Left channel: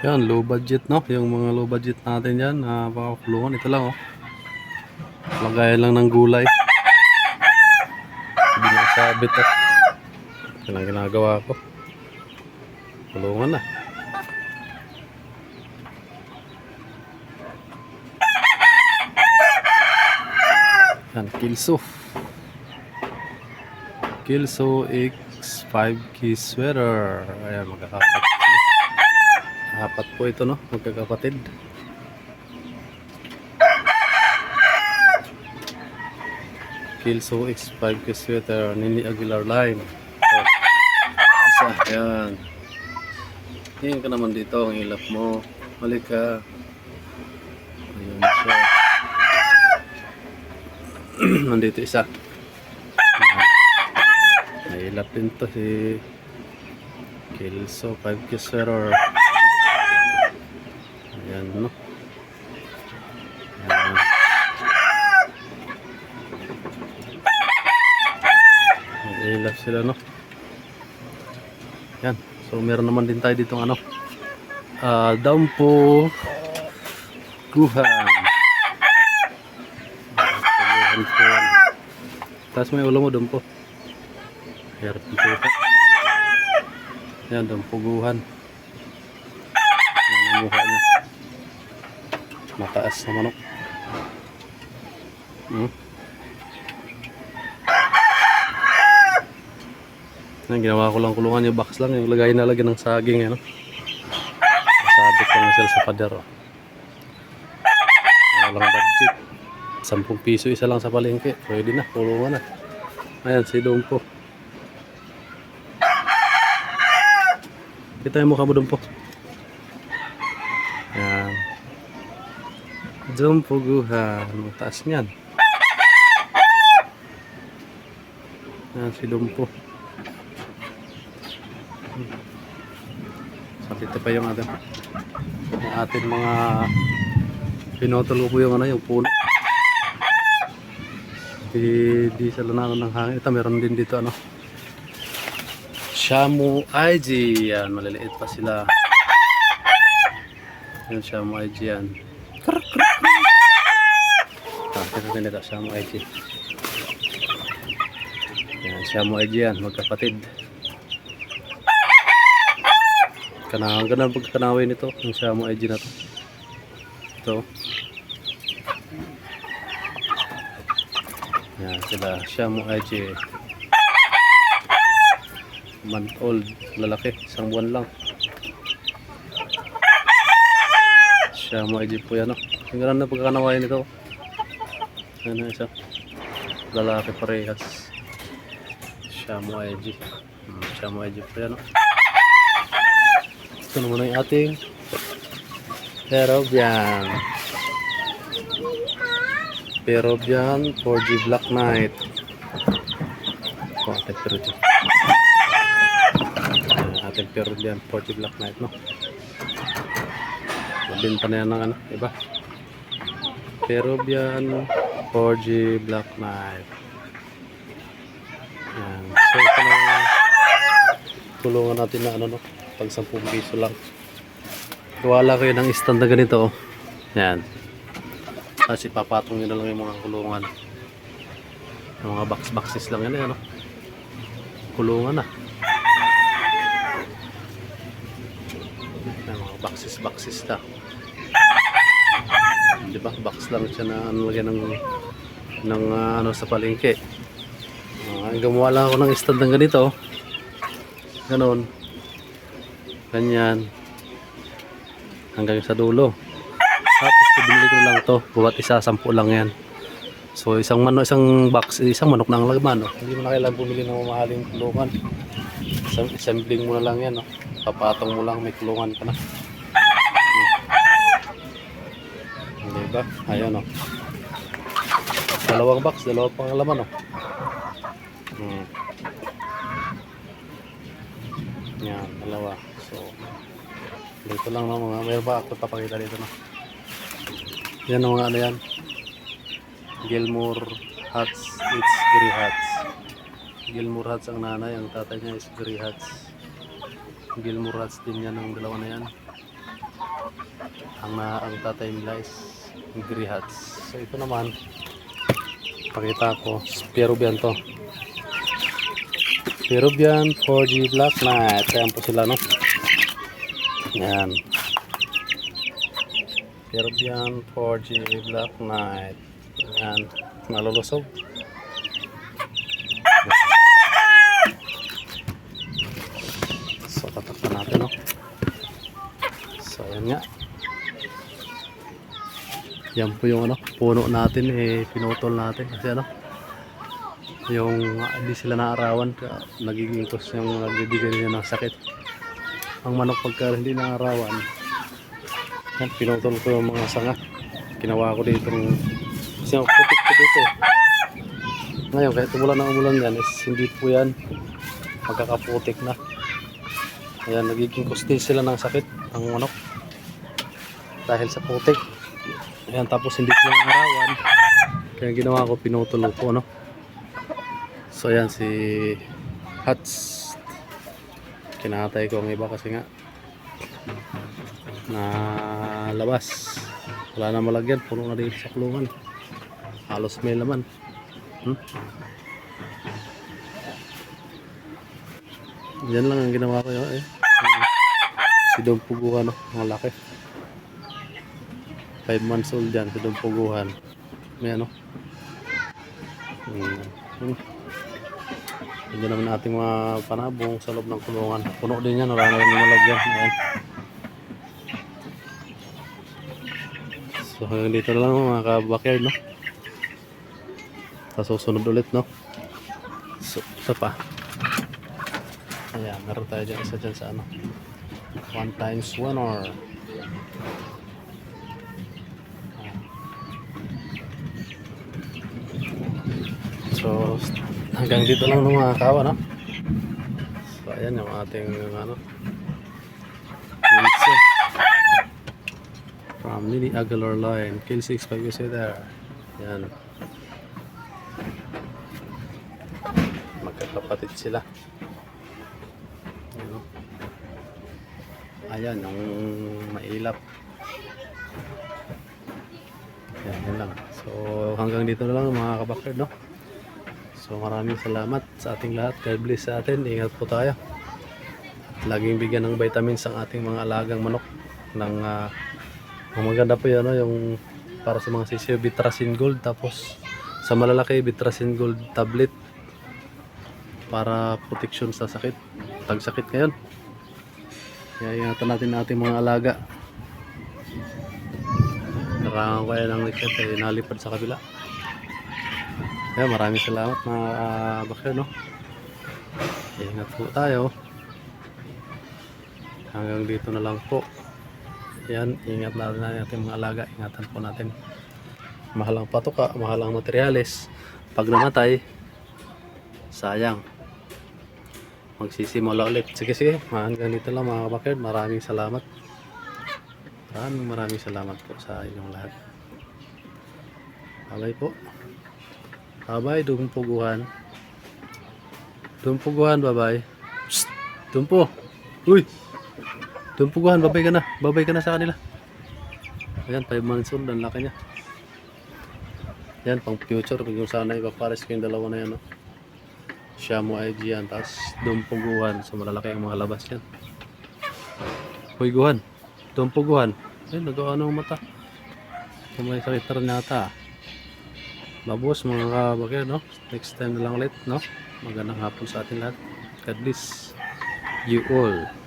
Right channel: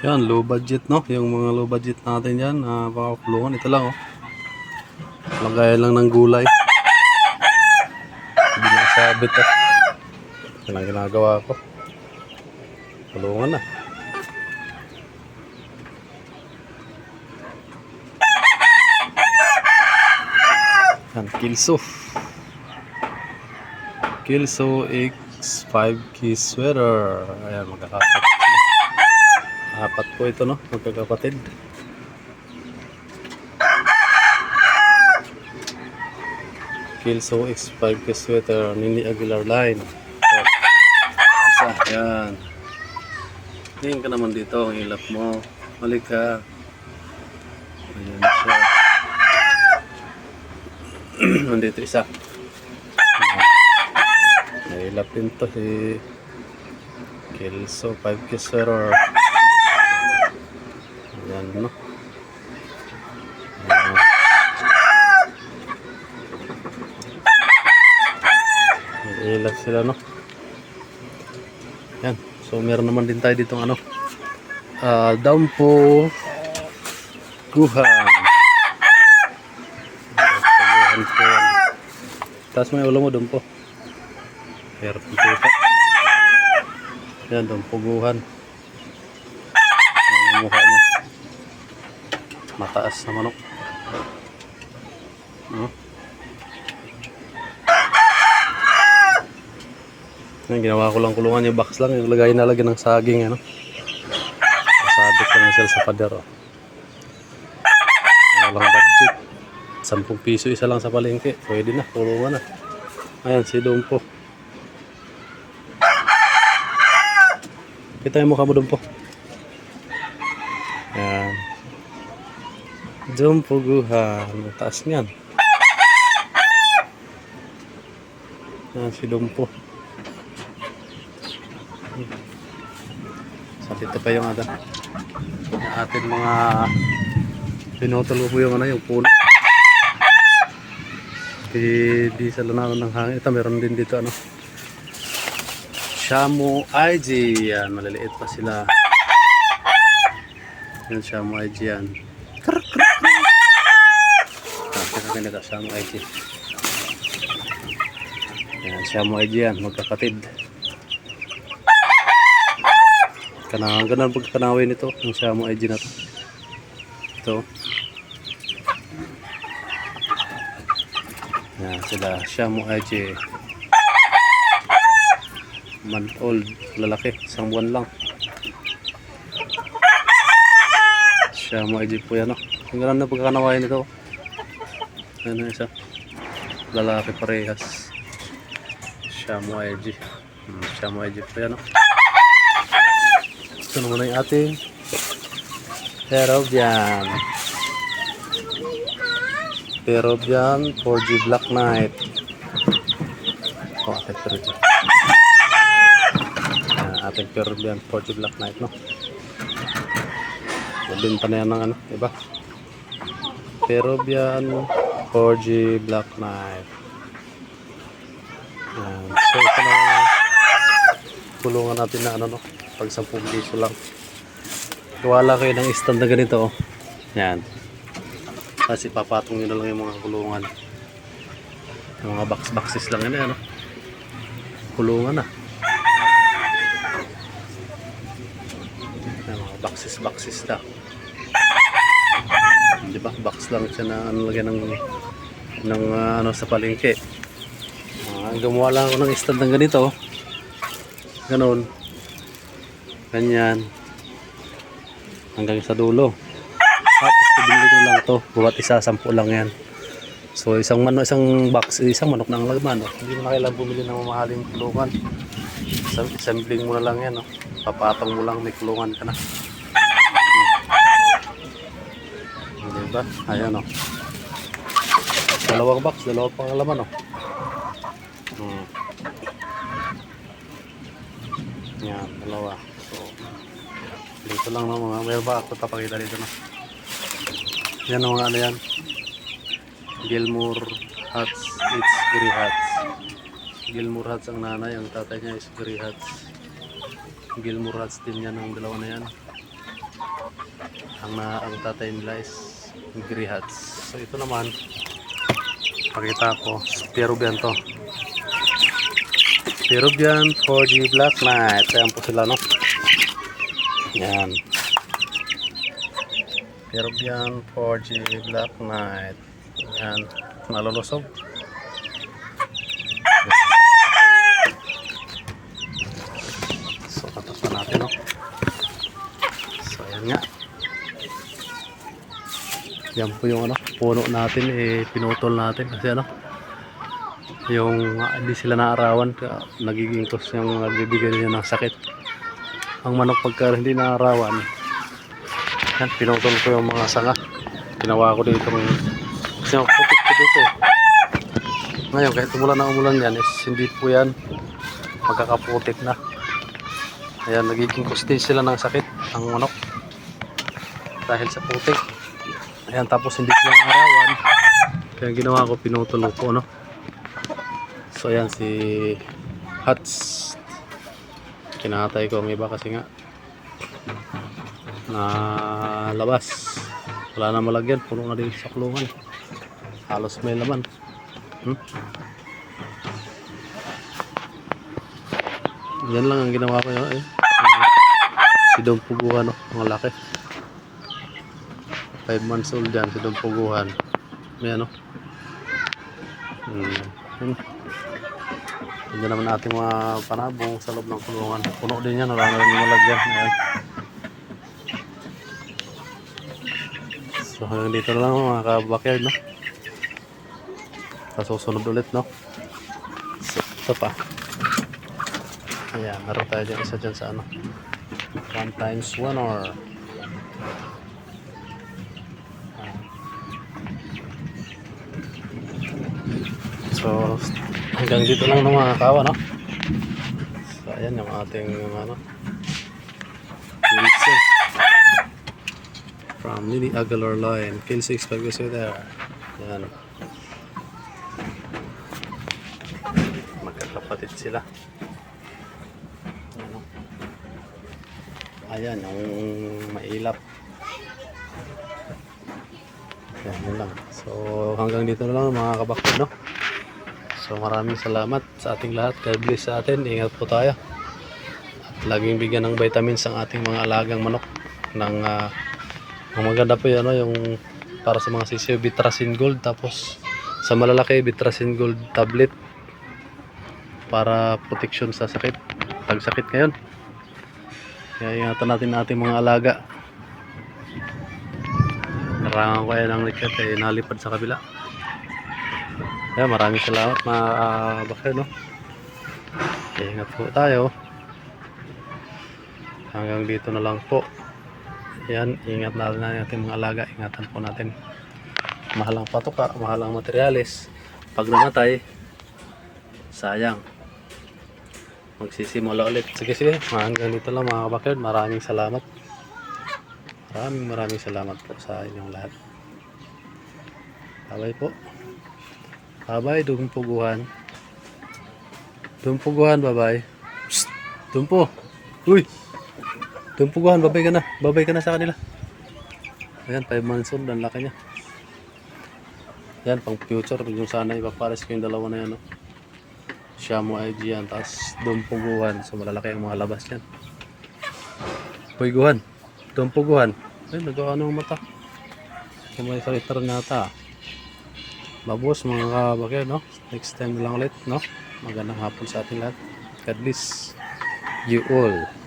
Yan, low budget no. Yung mga low budget natin yan, na pakakulungan. Ito lang oh. Lagayan lang ng gulay. Hindi na sabit ah. Yan ang ginagawa ko. Kulungan na. Yan, Kilso. Kilso X 5 key sweater. Ayan, magkakapat. Apat po ito, no? Magkakapatid. Kilso X 5 key sweater. Nini Aguilar line. So, isa, yan. Ngayon ka naman dito, ang hilap mo. Balik ka. Ayan siya. Nandito isa. Nahilap din to si Kelso 5 Kiswerer. Ayan no. Ayan. Nahilap sila no. Yan. So meron naman din tayo dito ano. Ah, down po Guhan. Pagbuhan po. Taas mo yung ulo mo doon po. Hirap ng puta. Yan, doon puguhan. Yan yung mukha. Mataas na manok. Hmm. Yan, ginawa ko lang kulungan yung box lang. Yung lagay na lagi ng saging. Ano? Sabit na sila sa pader. Oh. Walang budget. 10 piso isa lang sa palengke. Pwede na, kulungan na. Ayan, si Dumpo. Kita yung mukha mo, Dumpo. Ayan. Dumpo guhan. Mataas niyan. Ayan, si Dumpo. Sa dito pa yung ano. Ating mga pinotol ko po yung ano, yung puno. Di, di sa lanano ng hangin. Ito meron din dito ano. Shamu IG. Yan, maliliit pa sila. Yan, Shamu IG yan. Krr, krr. Ah, teka ganito, Shamu IG. Yan, Shamu IG yan, magkapatid. Kana, ganun pagkakanawin nito, yung Shamu IG na to. Ito. Yan sila, Shamu IG. Month old, lalaki, isang buwan lang. Shamu IG po yan, no? Yung ganun na pagkakanawain nito. Ano isa? Lalaki parehas. Shamu IG. Hmm, Shamu IG po yan, no? Ito naman na yung ating Peruvian. Peruvian 4G Black Knight. Oh, ating Peruvian. Ayan, ating Peruvian 4G Black Knight, no? Mabinta na yan ng ano, iba? Peruvian 4G Black Knight. Yan. So, ito na tulungan natin na ano, no? Pag 10 piso lang. Wala kayo ng stand na ganito, oh. Yan. Kasi papatong nyo na lang yung mga kulungan. Yung mga box-boxes lang yan, eh, ano? Kulungan na. Yung mga boxes-boxes na. Di ba? Box lang siya na ano lagyan ng ng ah, ano sa palengke. Uh, gumawa lang ako ng stand ng ganito. oh. Ganyan. Hanggang sa dulo. Tapos binili ko lang to. Buwat isa, sampu lang yan. So isang manok, isang box, isang manok na ang. Oh. Hindi mo na kailangan bumili ng mamahaling kulungan. Isang assembling mo na lang yan. Oh. Papatong mo lang, may kulungan ka na. Hmm. Diba? Ayan oh. Dalawang box, dalawang pang laman oh. Hmm. Yan, dalawa. Dito lang no, mga meron ba ako papakita dito no. Yan mga ano yan. Gilmore Hats, it's Gray Hats. Gilmore Hats ang nanay, ang tatay niya is Gray Hats. Gilmore Hats din yan ang dalawa na yan. Ang, na, ang tatay nila is Grihats. So ito naman, pakita ko, Peruvian to. Peruvian 4G Black Knight. Ayan po sila, no? Yan. Peruvian 4G Black Knight. Yan. Malulusog. So, tatakpan natin, no? So, ayan nga. Yan po yung ano, puno natin, eh, pinutol natin. Kasi ano, yung ah, hindi sila naarawan, nagiging cause yung nagbibigay niya ng sakit. Ang manok pagka hindi naarawan, yan, pinutol ko yung mga sanga. Ginawa ko dito ng kasi putik ko dito. Ngayon, kahit umulan na umulan yan, is hindi po yan magkakaputik na. Ayan, nagiging kusti sila ng sakit ang manok. Dahil sa putik. Ayan, tapos hindi sila arawan. Kaya ginawa ko, pinutol ko, no? So, ayan, si Hats. Kinatay ko ang iba kasi nga na labas. Wala na malagyan, puno na din sa kulungan. Halos may laman. Hmm? Yan lang ang ginawa ko yun. Eh. Si Dom Puguhan, no? mga laki. 5 months old yan, si Dom Puguhan. May ano. Hmm. Hindi naman ating mga panabong sa loob ng kulungan. Puno din yan, wala na rin malagyan. Ayan. So hanggang dito na lang mga ka-backyard, no? Sa susunod ulit, no? Ito pa. Ayan, meron tayo dyan isa dyan sa ano. 1 times 1 or So, hanggang dito lang ng mga kawa, no? So, ayan yung ating ano. Kilse. From Lily Aguilar Line. Kilse, expect you there. Yan. Magkakapatid sila. Ano? Ayan, yung mailap. Yan, yun lang. So, hanggang dito na lang mga kabakod, no? So, maraming salamat sa ating lahat. God bless sa atin. Ingat po tayo. At laging bigyan ng vitamins ang ating mga alagang manok. Ng, ah, ang maganda po yun, no? yung para sa mga sisiyo, Bitrasin Gold. Tapos, sa malalaki, Bitrasin Gold tablet para protection sa sakit. Tagsakit ngayon. Kaya ingatan natin ating mga alaga. Narangan ko yan ang eh, nalipad sa kabila. Kaya maraming salamat mga uh, bakir, no? Okay, ingat po tayo. Hanggang dito na lang po. Yan, ingat natin natin ating mga alaga. Ingatan po natin. Mahalang patuka, mahalang materyales. Pag namatay, sayang. Magsisimula ulit. Sige, sige. Hanggang dito lang mga kabakir. Maraming salamat. Maraming maraming salamat po sa inyong lahat. Bye po. Bye-bye, dumpuguhan. Dumpuguhan, bye-bye. Psst, dumpo. Uy! Dumpuguhan, babay ka na. Babay ka na sa kanila. Ayan, 5 months old. Ang laki niya. Yan, pang future. Kung sana ipapares ko yung dalawa na yan, no? Siya mo IG yan. Tapos dumpuguhan. So, malalaki ang mga labas yan. Uy, guhan. Dumpuguhan. Ay, nagawa ng mata. May sakit na rin yata. Mabos mga kabakir, no? Next time na lang ulit, no? Magandang hapon sa ating lahat. God bless you all.